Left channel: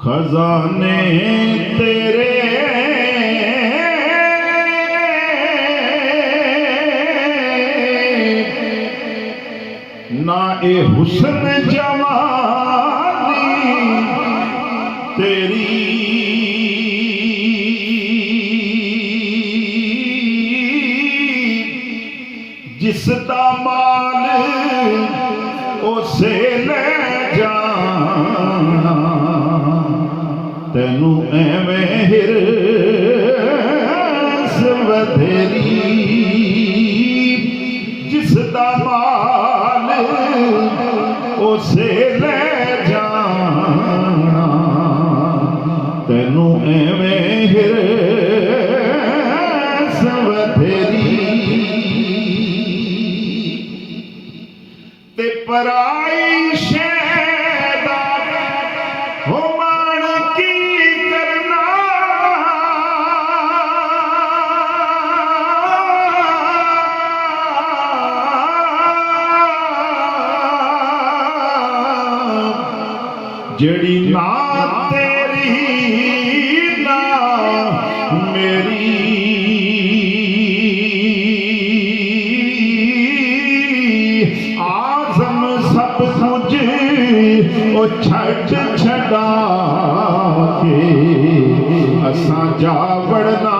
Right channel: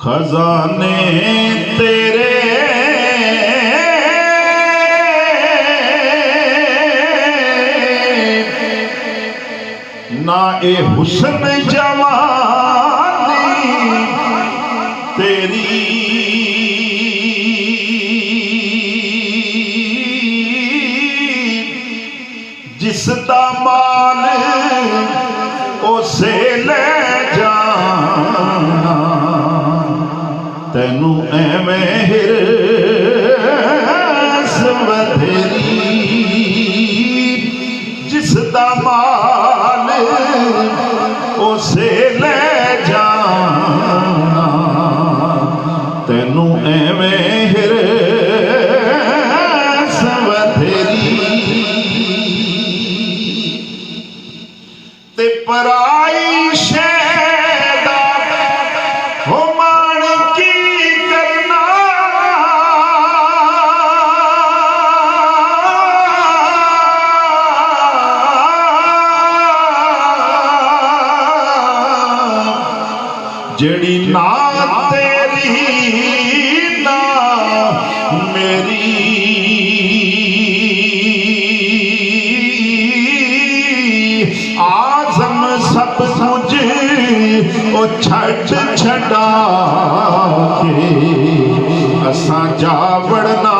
खजाने तेरे ना ए हुस्न जवानी तेरी जिसदा माल उसे ले जा तेनू एवें हिरस वधेरी जिसदा माल उसे ले जा तेनू एवें हिरस वधेरी ते पराई शैदा हो मान की करना जड़ी ना तेरी ना मेरी आज़म सब कुछ ओ छड़ छड़ा के असा जावड़ना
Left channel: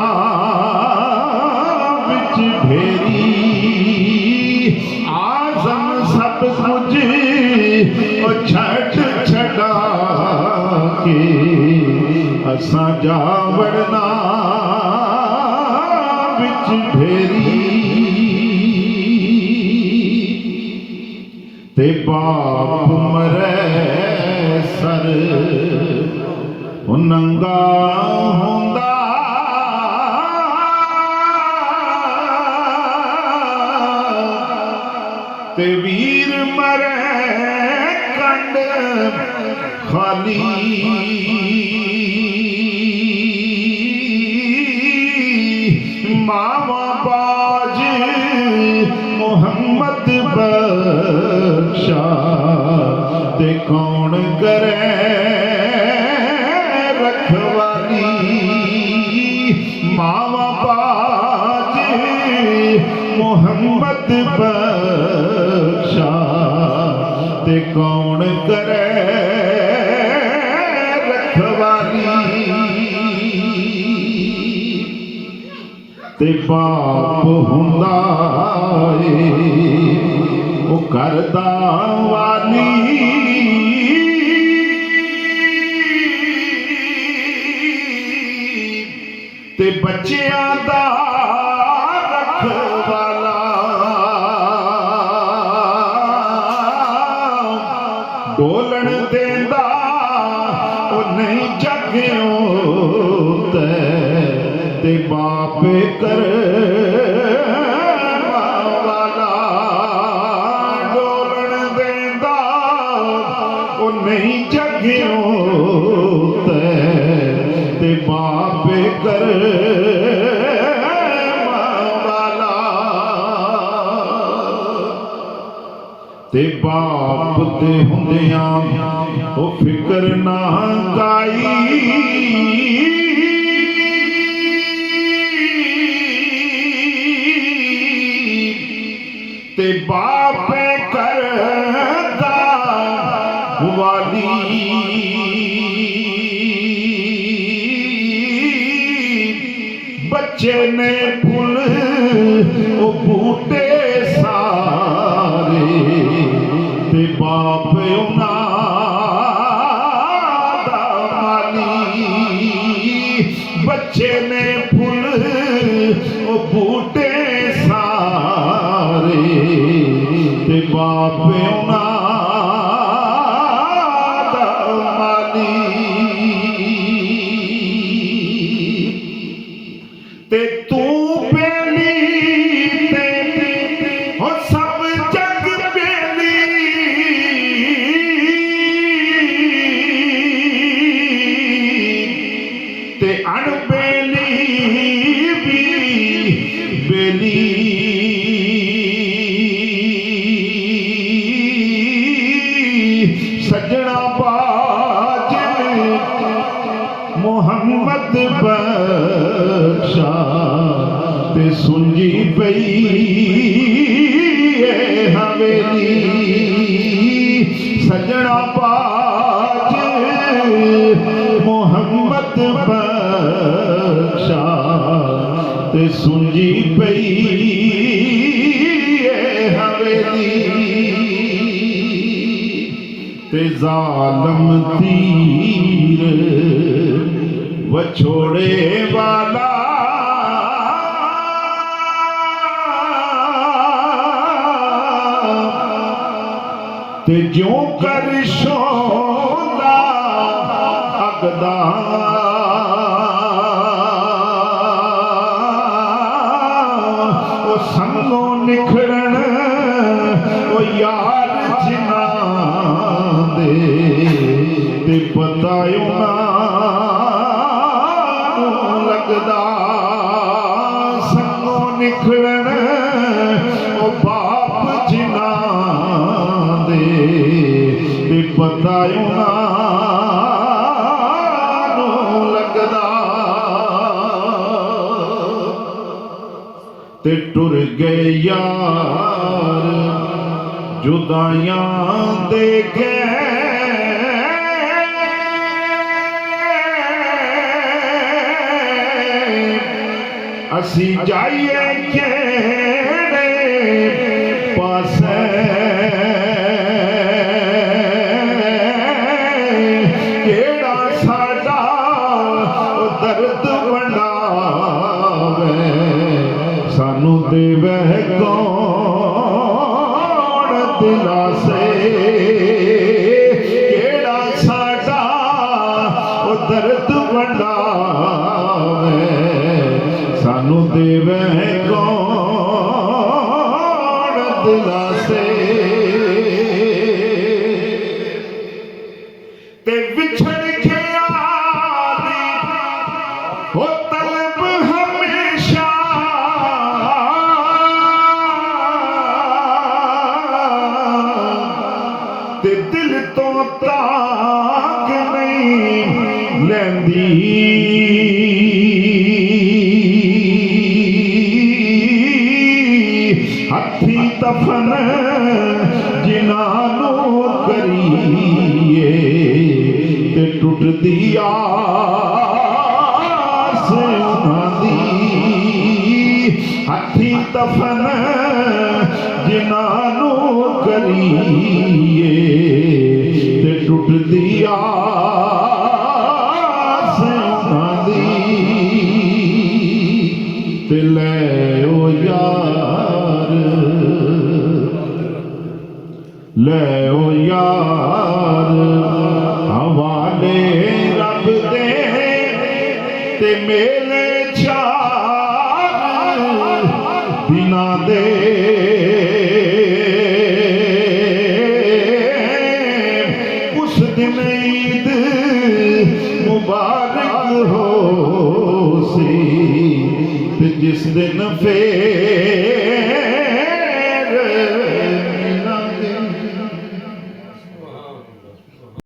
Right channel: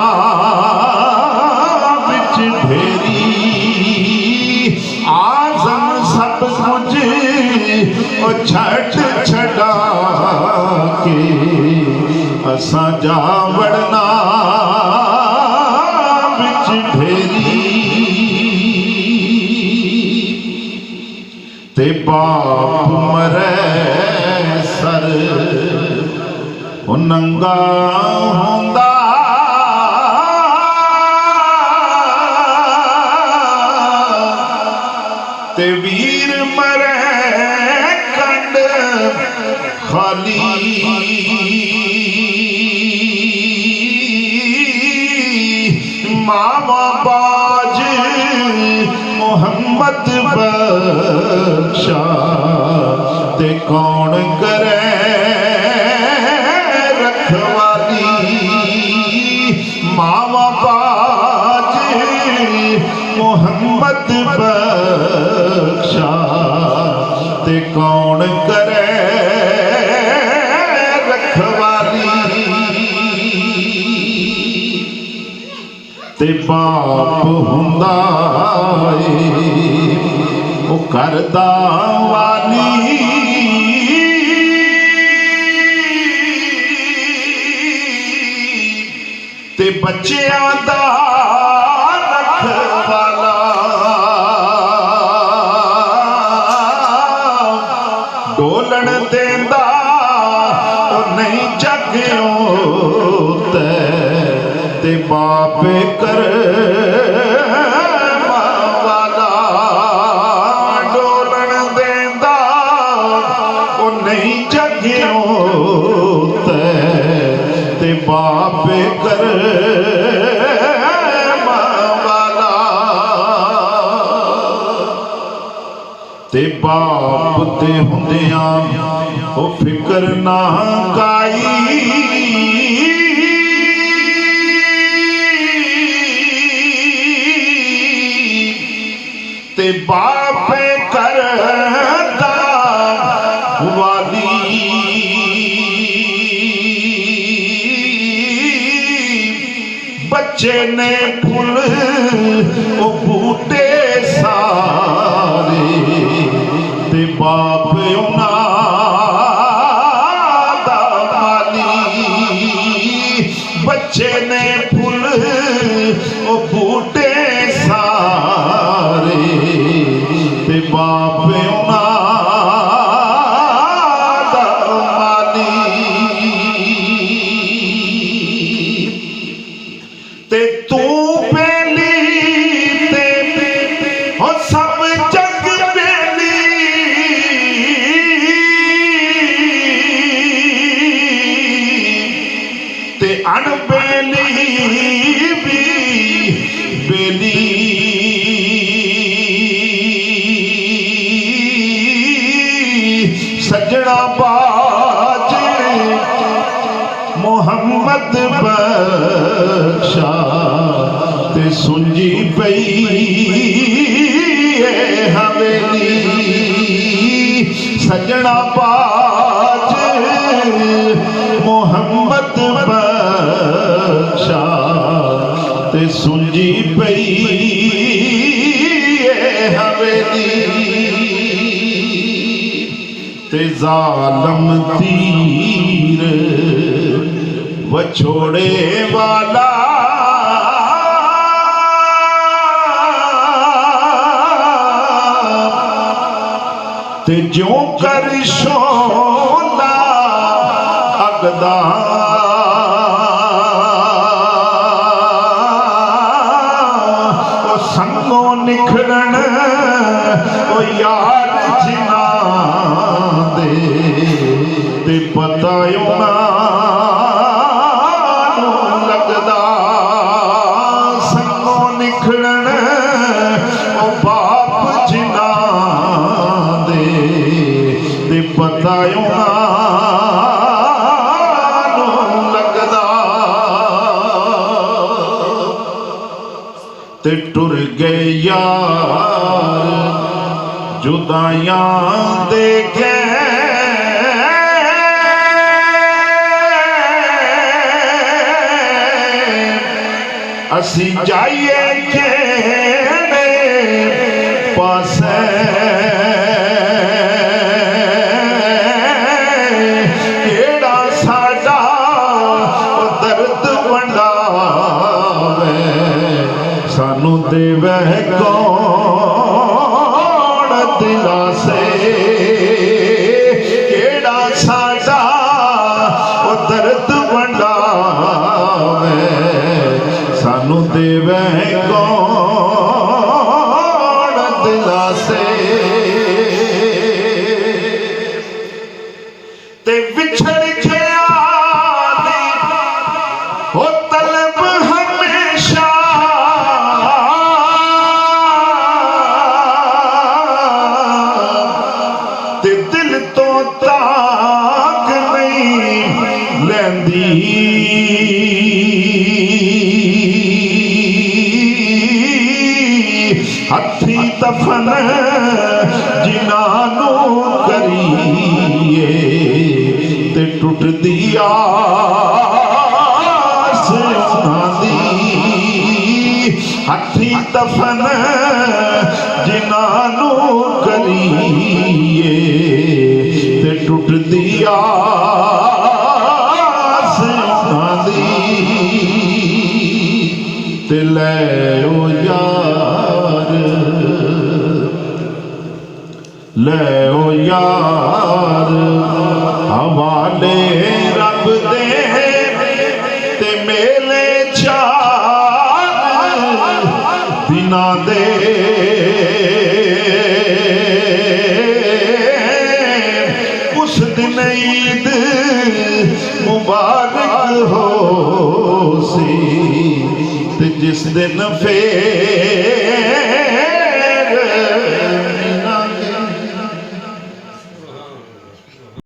बिच भेरी आज़म सब कुछ ओ छड़ छड़ा के असा जावड़ना बिच भेरी ते बाप मरे सर ओ नंगा हुंदा ते वीर मरे कंड खाली मामा बाज मोहम्मद बख्शा ते कौन करे रखवाली मामा बाज मोहम्मद बख्शा ते कौन करे ते बाप हुंदा ओ करदा वाली ते बच्चियां दा रखवाला डोलन देंदा ओ नहीं जग्यों ते बाप कर वाला डोलन देंदा ओ नहीं जग्यों ते बाप कर वाला ते बाप ते हुंदियां ओ फिकर ना काई ते बाप करदा वाली बच्चे ने फुल ओ बूटे सारे ते बाप उन्हां दा माली बच्चे ने फुल ओ बूटे सारे ते बाप उन्हां दा माली ते तू पहली ते हो सब जग पहली ते अणबेली भी बेली ते जालम तीर वछोड़े वाला ते ज्यों कर शोला अगदा संगो निखरण ओ यार जिना दे ते पता ना लगदा संगो निखरण ओ बाप जिना दे पता लगदा ते टुर गए यार जुदाइयां दे गए असी जाइए केड़े पासे सानू देवे कौन दिलासे केड़ा साडा ओ दर्द वंडावे सानू देवे कौन दिलासे ते विछड़ गया ओ तलब हमेशा ते दिल तो ताक नहीं लैंदी हथी दफन जिन्हां नू करिए ते टुटदी आस उन्हां दी हथी दफन जिन्हां नू करिए टुटदी आस उन्हां दी ते लै ओ यार लै ओ यार हवाले रब दे ते मेले चार दिनां दे ईद मुबारक हो सी ते जिस दिन फेर